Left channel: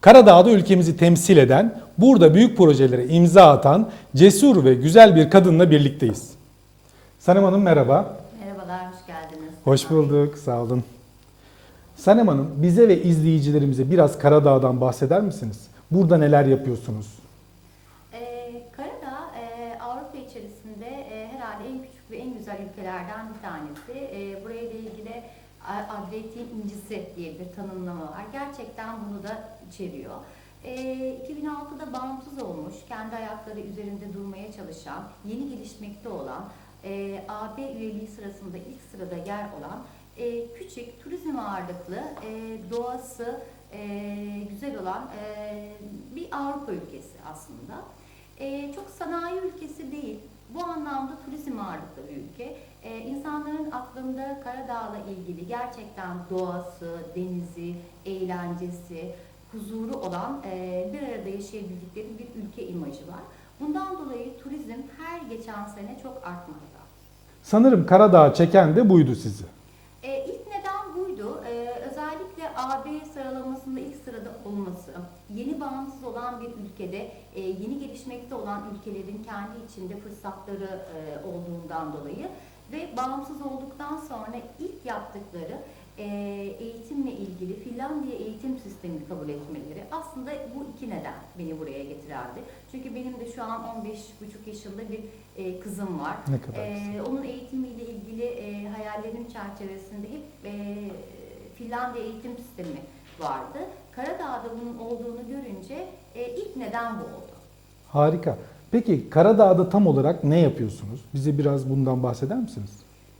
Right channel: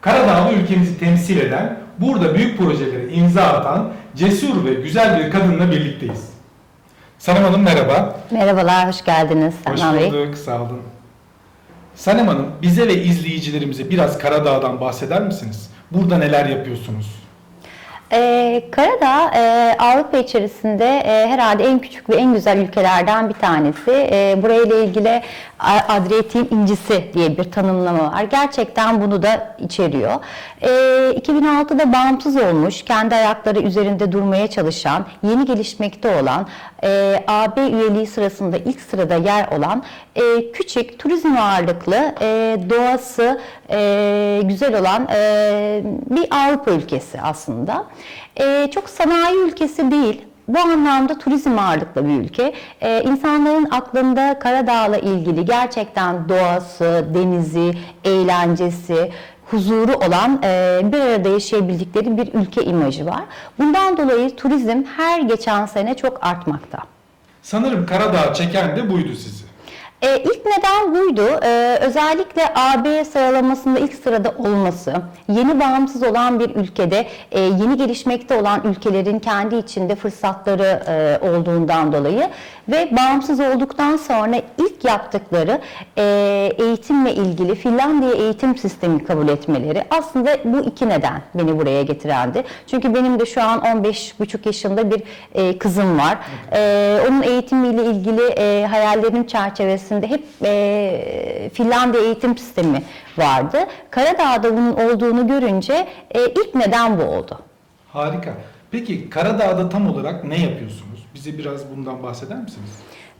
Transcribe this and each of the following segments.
Karadağ'da ülkemizi temsil eden, burada büyük projelere imza atan cesur ve güzel bir kadınla birlikteyiz. Sanem Hanım merhaba. Merhabalar, hoş geldiniz. Hoş Selman Bey. bulduk, sağ olun. Sanem Hanım, bize ve izleyicilerimize biraz Karadağ'dan bahseder misiniz? Burada neler yapıyorsunuz? Ee, Karadağ e, Avrupa içerisinde e, herhalde en küçük ve en güzel ülkelerden bir tanesi. E, burayla ilgili Adriyatik'in incisi diye bir tanımlama var. Gerçekten bunu da içeriyor. E, 2006'da bağımsız olmuş, kendi ayakları üzerinde durmaya çalışan, yeni gelişmekte olan, e, AB üyeliği sırasında ilk sırada yer olan e, küçük, turizm ağırlıklı, e, doğası e, güzel olan e, bir Avrupa ülkesi aslında. E, çok sanayi ülkesi değil. Bu anlamda turizm ağırlıklı bir ülke. Ee, insanların aklında Karadağ'la ilgili gerçekten doğası, denizi, eğlencesi, huzuru olan e, bir arada yaşayabildikleri bir ülke imajı var. Bundan dolayı turizm her geçen sene çok artmakta. Sanırım Karadağ çeken de buydu sizi. E, ilk neden buydu. E, özellikle AB sıralamasında ilk sırada olması, yeni bağımsız olan bir ülkede e, yeni gelişmekte olan ülkelerin kendi içinde fırsatları e, olduğundan dolayı ve bağımsız olduktan sonra ilk yaptıkları e, eğitimle ilgili Finlandiya eğitim sistemi kabul etmeleri aslında bu iki neden beni buraya getirendi. Çünkü benim de şu an 15,5 yaşında bir e, kızım var. E, onun eğitimiyle ilgili e, hayallerim çerçevesinde hep e, Finlandiya eğitim sistemi vardı. Karadağ'da bunun olduğunu görünce e, ilk neden bu oldu. Harika. Peki Karadağ'da tam olarak ne yapıyorsunuz? Bize biraz bundan bahseder misiniz?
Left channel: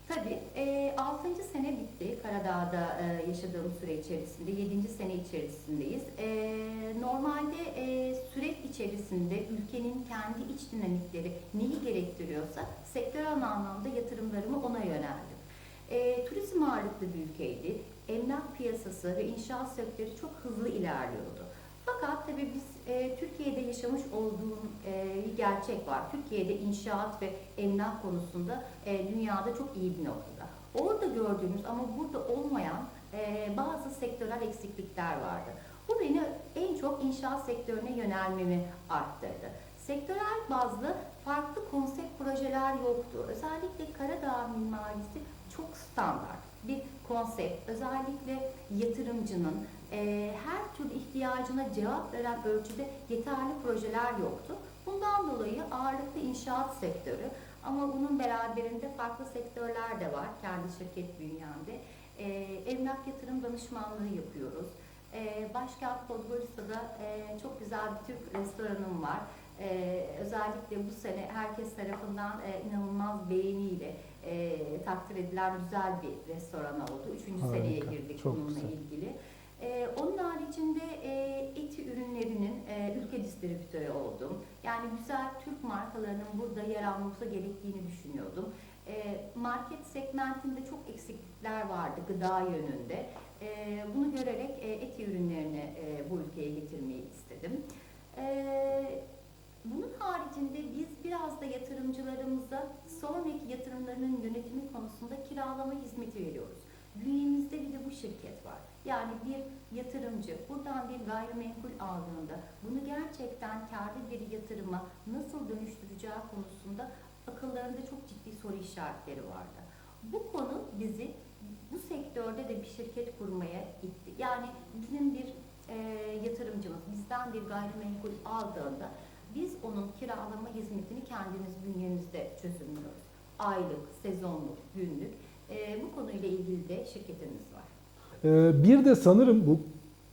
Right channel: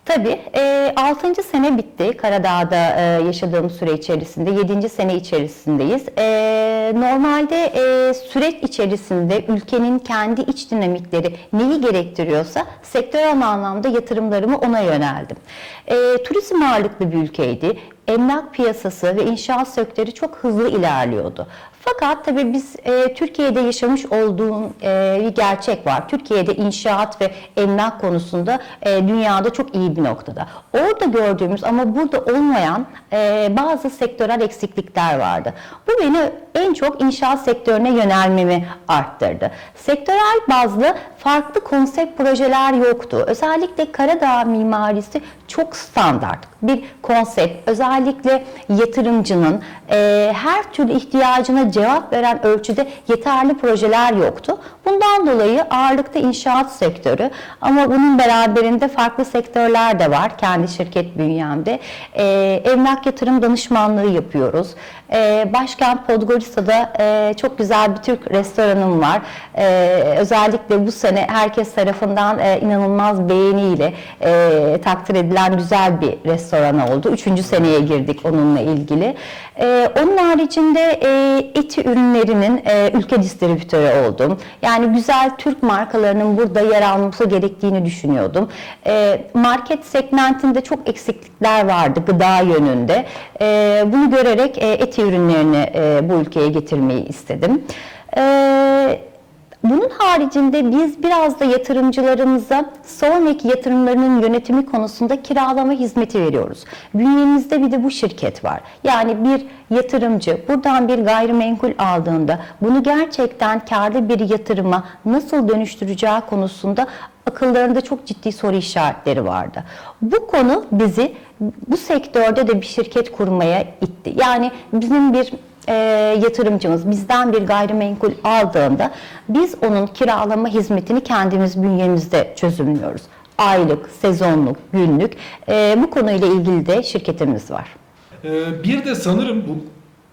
Tabii. E, 6. sene bitti Karadağ'da e, yaşadığım süre içerisinde. 7. sene içerisindeyiz. E, normalde e, süreç içerisinde ülkenin kendi iç dinamikleri neyi gerektiriyorsa sektörel anlamda yatırımlarımı ona yöneldim. E, turizm ağırlıklı bir ülkeydi. Emlak piyasası ve inşaat sektörü çok hızlı ilerliyordu. Fakat tabii biz e, Türkiye'de yaşamış olduğum e, bir gerçek var. Türkiye'de inşaat ve emlak konusunda e, dünyada çok iyi bir noktada. Orada gördüğümüz ama burada olmayan e, bazı sektörel eksiklikler vardı. Bu beni en çok inşaat sektörüne yönelmemi arttırdı. Sektörel bazlı farklı konsept projeler yoktu. Özellikle Karadağ mimarisi çok standart bir konsept. Özellikle yatırımcının e, her türlü ihtiyacına cevap veren ölçüde yeterli projeler yoktu. Bundan dolayı ağırlıkta inşaat sektörü ama bunun beraberinde farklı sektörler de var kendi şirket bünyemde. E, emlak yatırım danışmanlığı yapıyoruz. E, Başkent Podgorica'da e, çok güzel bir Türk restoranım var. E, özellikle bu sene herkes tarafından e, inanılmaz beğeniyle e, takdir edilen güzel bir restoran oldu. Üçüncü seneye girdik onunla ilgili. E, onun haricinde e, eti ürünlerinin e, ülke distribütörü oldum. Yani güzel Türk markalarının burada yer alması gerektiğini düşünüyordum. E, market segmentinde çok eksiklikler vardı gıda yönünde. E, bunu görerek e, eti ürünlerini e, bu ülkeye getirmeyi istedim. E, bunun haricinde biz biraz da yatırımcılarımıza sonraki yatırımlarının yönetimi konusunda kiralama hizmeti veriyoruz. Bünyemizde bir de bu şirket var. Yani bir yatırımcı buradan bir gayrimenkul aldığında bunu gerçekten karlı bir yatırıma nasıl dönüştüreceği konusunda akıllarında çok ciddi soru işaretleri vardı. Bu konu bizi bu sektörde de bir şirket kurmaya itti. Yani bizim bir e, yatırımcımız bizden bir gayrimenkul aldığında biz onun kiralama hizmetini kendimiz bünyemizde çözümlüyoruz. Aylık, sezonluk, günlük e, bu konuyla ilgili de şirketimiz var. Ee, bir de sanırım bu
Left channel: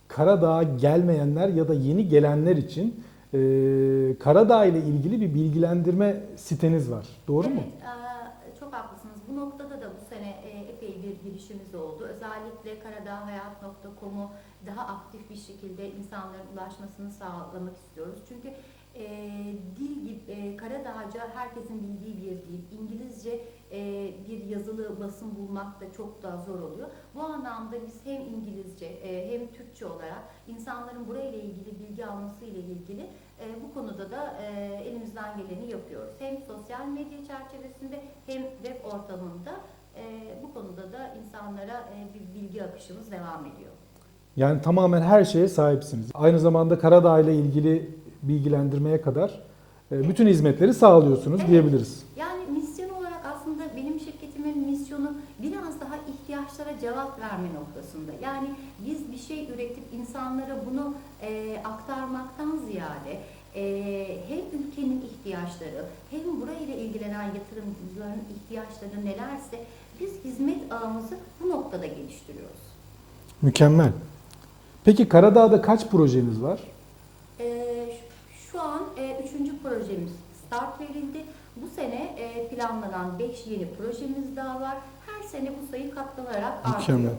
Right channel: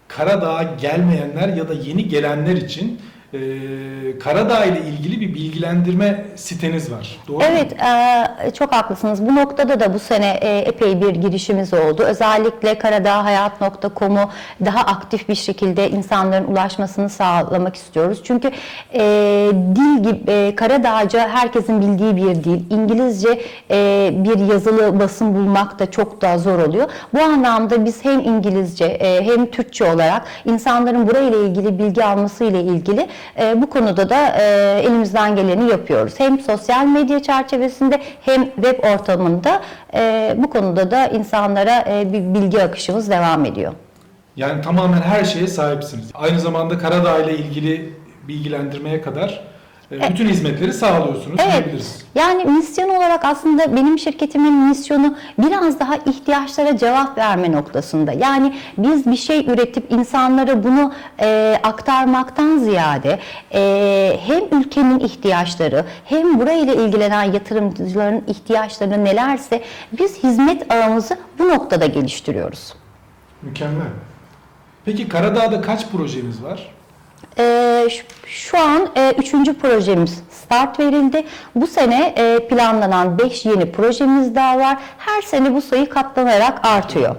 Karadağ'a gelmeyenler ya da yeni gelenler için e, Karadağ ile ilgili bir bilgilendirme siteniz var. Doğru? Evet, e, çok haklısınız. Bu noktada da bu sene e, epey bir girişimiz oldu. Özellikle karadağhayat.com'u daha aktif bir şekilde insanların ulaşmasını sağlamak istiyoruz. Çünkü e, dil gibi e, Karadağca herkesin bildiği bir dil. İngilizce e, bir yazılı basın bulmak da çok daha zor oluyor. Bu anlamda biz hem İngilizce e, hem Türkçe olarak insanların burayla ilgili bilgi alması ile ilgili e, bu konuda da e, elimizden geleni yapıyoruz. Hem sosyal medya çerçevesinde hem web ortamında e, bu konuda da insanlara e, bir bilgi akışımız devam ediyor. Yani tamamen her şeye sahipsiniz. Aynı zamanda Karadağ ile ilgili bilgilendirmeye kadar e, bütün hizmetleri sağlıyorsunuz Evet. diyebiliriz. Yani misyon olarak aslında benim şirketimin misyonu biraz daha ihtiyaçlara cevap verme noktasında. Yani biz bir şey üretip insanlara bunu e, aktarmaktan ziyade e, hem ülkenin ihtiyaçları hem burayla ilgilenen yatırımcıların ihtiyaçları nelerse biz hizmet ağımızı bu noktada geliştiriyoruz. Mükemmel. Peki Karadağ'da kaç projemiz var? Ee, şu- an e, üçüncü projemiz start verildi. Bu sene e, planlanan 5 yeni projemiz daha var. Her sene bu sayı katlanarak artıyor.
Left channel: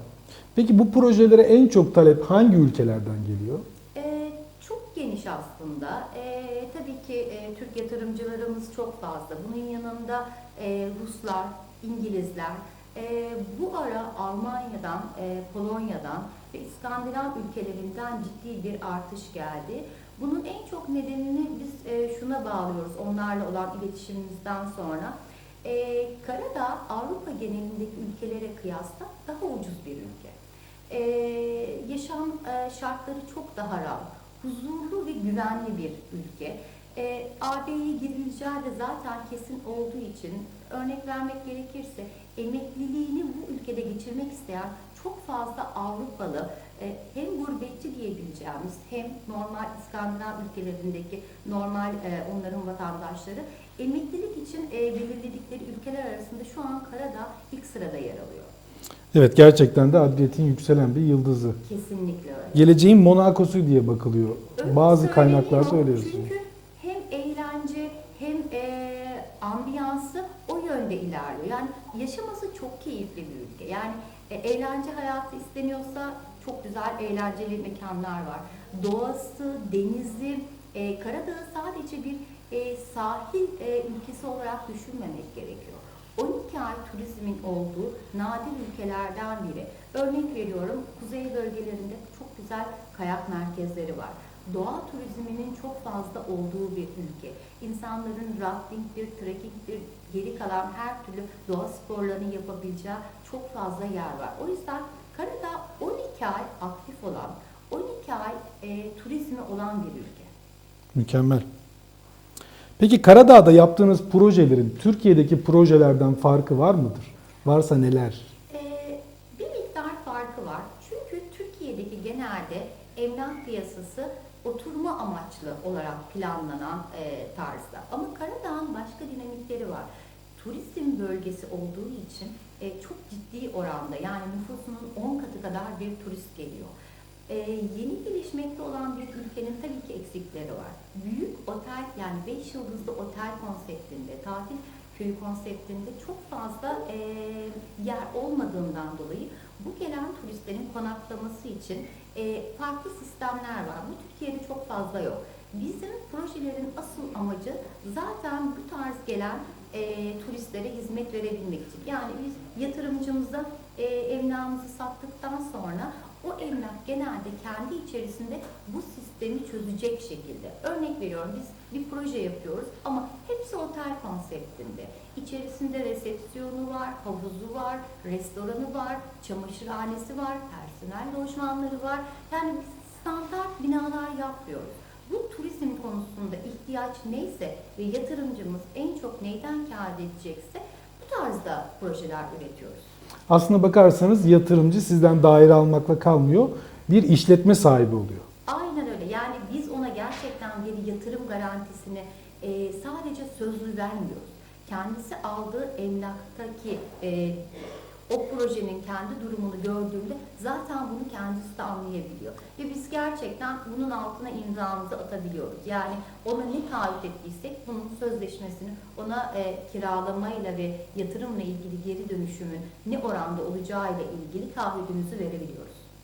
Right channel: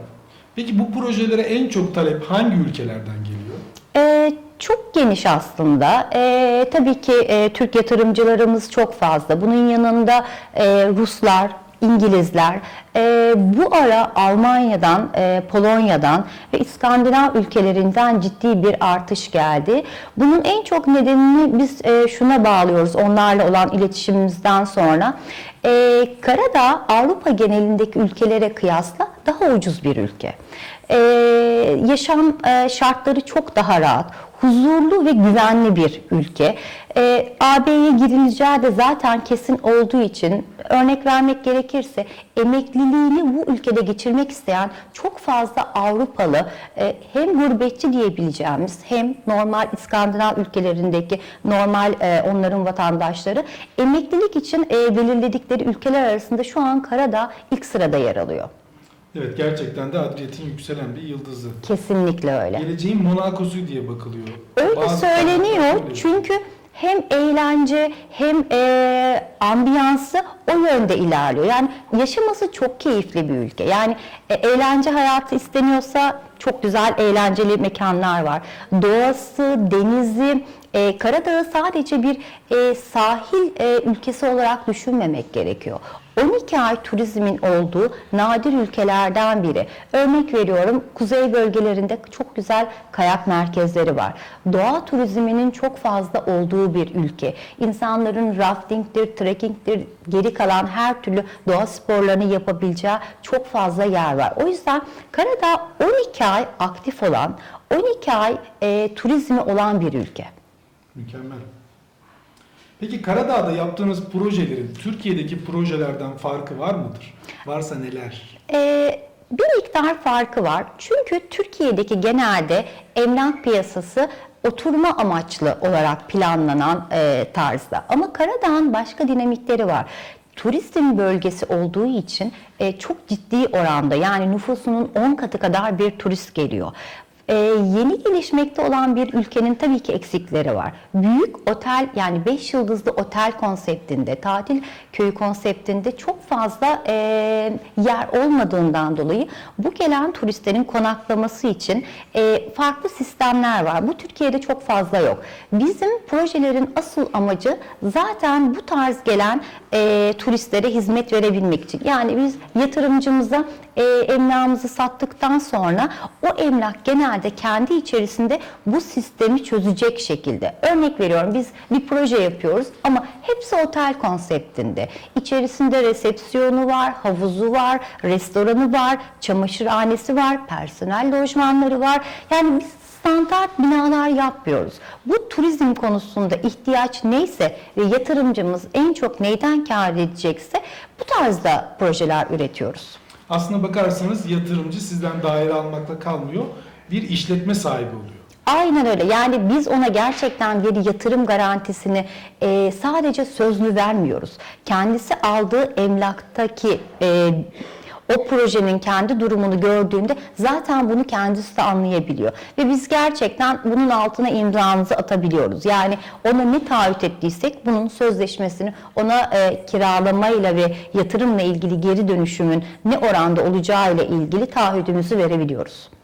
Peki bu projelere en çok talep hangi ülkelerden geliyor? Ee, çok geniş aslında. Ee, tabii ki e, Türk yatırımcılarımız çok fazla. Bunun yanında e, Ruslar, İngilizler, e, bu ara Almanya'dan, e, Polonya'dan ve İskandinav ülkelerinden ciddi bir artış geldi. Bunun en çok nedenini biz e, şuna bağlıyoruz onlarla olan iletişimimizden sonra. E, Karadağ Avrupa genelindeki ülkelere kıyasla daha ucuz bir ülke. E, yaşam e, şartları çok daha rahat, huzurlu ve güvenli bir ülke. E, AB'ye girileceği de zaten kesin olduğu için örnek vermek gerekirse emekliliğini bu ülkede geçirmek isteyen çok fazla Avrupalı e, hem gurbetçi diyebileceğimiz hem normal İskandinav ülkelerindeki normal e, onların vatandaşları emeklilik için e, belirledikleri ülkeler arasında şu an Karadağ ilk sırada yer alıyor. Evet gerçekten de Adriyat'in yükselen bir yıldızı. Kesinlikle öyle. Geleceğin Monaco'su diye bakılıyor. Öyle kaynaklarda söyleniyor çünkü hem eğlence hem e, ambiyansı o yönde ilerliyor. Yani yaşaması çok keyifli bir ülke. Yani e, eğlence hayatı isteniyorsa çok güzel eğlenceli mekanlar var. Doğası, denizi, e, Karadağ'ı sadece bir e, sahil e, ülkesi olarak düşünmemek gerekiyor. 12 ay turizmin olduğu nadir ülkelerden biri. Örnek veriyorum kuzey bölgelerinde çok güzel kayak merkezleri var. Doğa turizminin çok fazla olduğu bir ülke. İnsanların raftingdir, trekkingdir, geri kalan her türlü doğa sporlarını yapabileceği çok fazla yer var. O yüzden Karadağ 12 ay aktif olan, 12 ay e, turizmi olan bir ülke. Mükemmel. Peki Karadağ'da yaptığınız projelerin Türkiye'deki projelerden farkı var mıdır? Varsa neler? Ee, bir miktar farkı var. Çünkü Türkiye'deki genelde emlak piyasası oturma amaçlı olarak planlanan e, tarzda. Ama Karadağ'ın başka dinamikleri var. Turizm bölgesi olduğu için e, çok ciddi oranda yani nüfusunun 10 katı kadar bir turist geliyor. Ee, yeni gelişmekte olan bir ülkenin tabii ki eksikleri var. Büyük otel yani 5 yıldızlı otel konseptinde, tatil köyü konseptinde çok fazla e, yer olmadığından dolayı bu gelen turistlerin konaklaması için e, farklı sistemler var. Bu Türkiye'de çok fazla yok. Bizim projelerin asıl amacı zaten bu tarz gelen e, turistlere hizmet verebilmek için. Yani biz yatırımcımıza e, emlakımızı sattıktan sonra o emlak genelde kendi içerisinde bu sistemi çözecek şekilde. Örnek veriyorum biz bir proje yapıyoruz ama hepsi otel konseptinde. İçerisinde resepsiyonu var, havuzu var, restoranı var, çamaşırhanesi var, personel lojmanları var. Yani biz standart binalar yapmıyoruz. Bu turizm konusunda ihtiyaç neyse ve yatırımcımız en çok neyden kâr edecekse bu tarzda projeler üretiyoruz. Aslına bakarsanız yatırımcı sizden daire almakla kalmıyor, bir işletme sahibi oluyor. Aynen öyle. Yani biz ona gerçekten bir yatırım garantisini e, sadece sözlü vermiyoruz. Kendisi aldığı emlaktaki e, o projenin kendi durumunu gördüğünde zaten bunu kendisi de anlayabiliyor. Ve biz gerçekten bunun altına imzamızı atabiliyoruz. Yani ona ne taahhüt ettiysek bunun sözleşmesini ona e, kiralamayla ve yatırımla ilgili geri dönüşümün ne oranda olacağıyla ilgili taahhüdümüzü verebiliyoruz.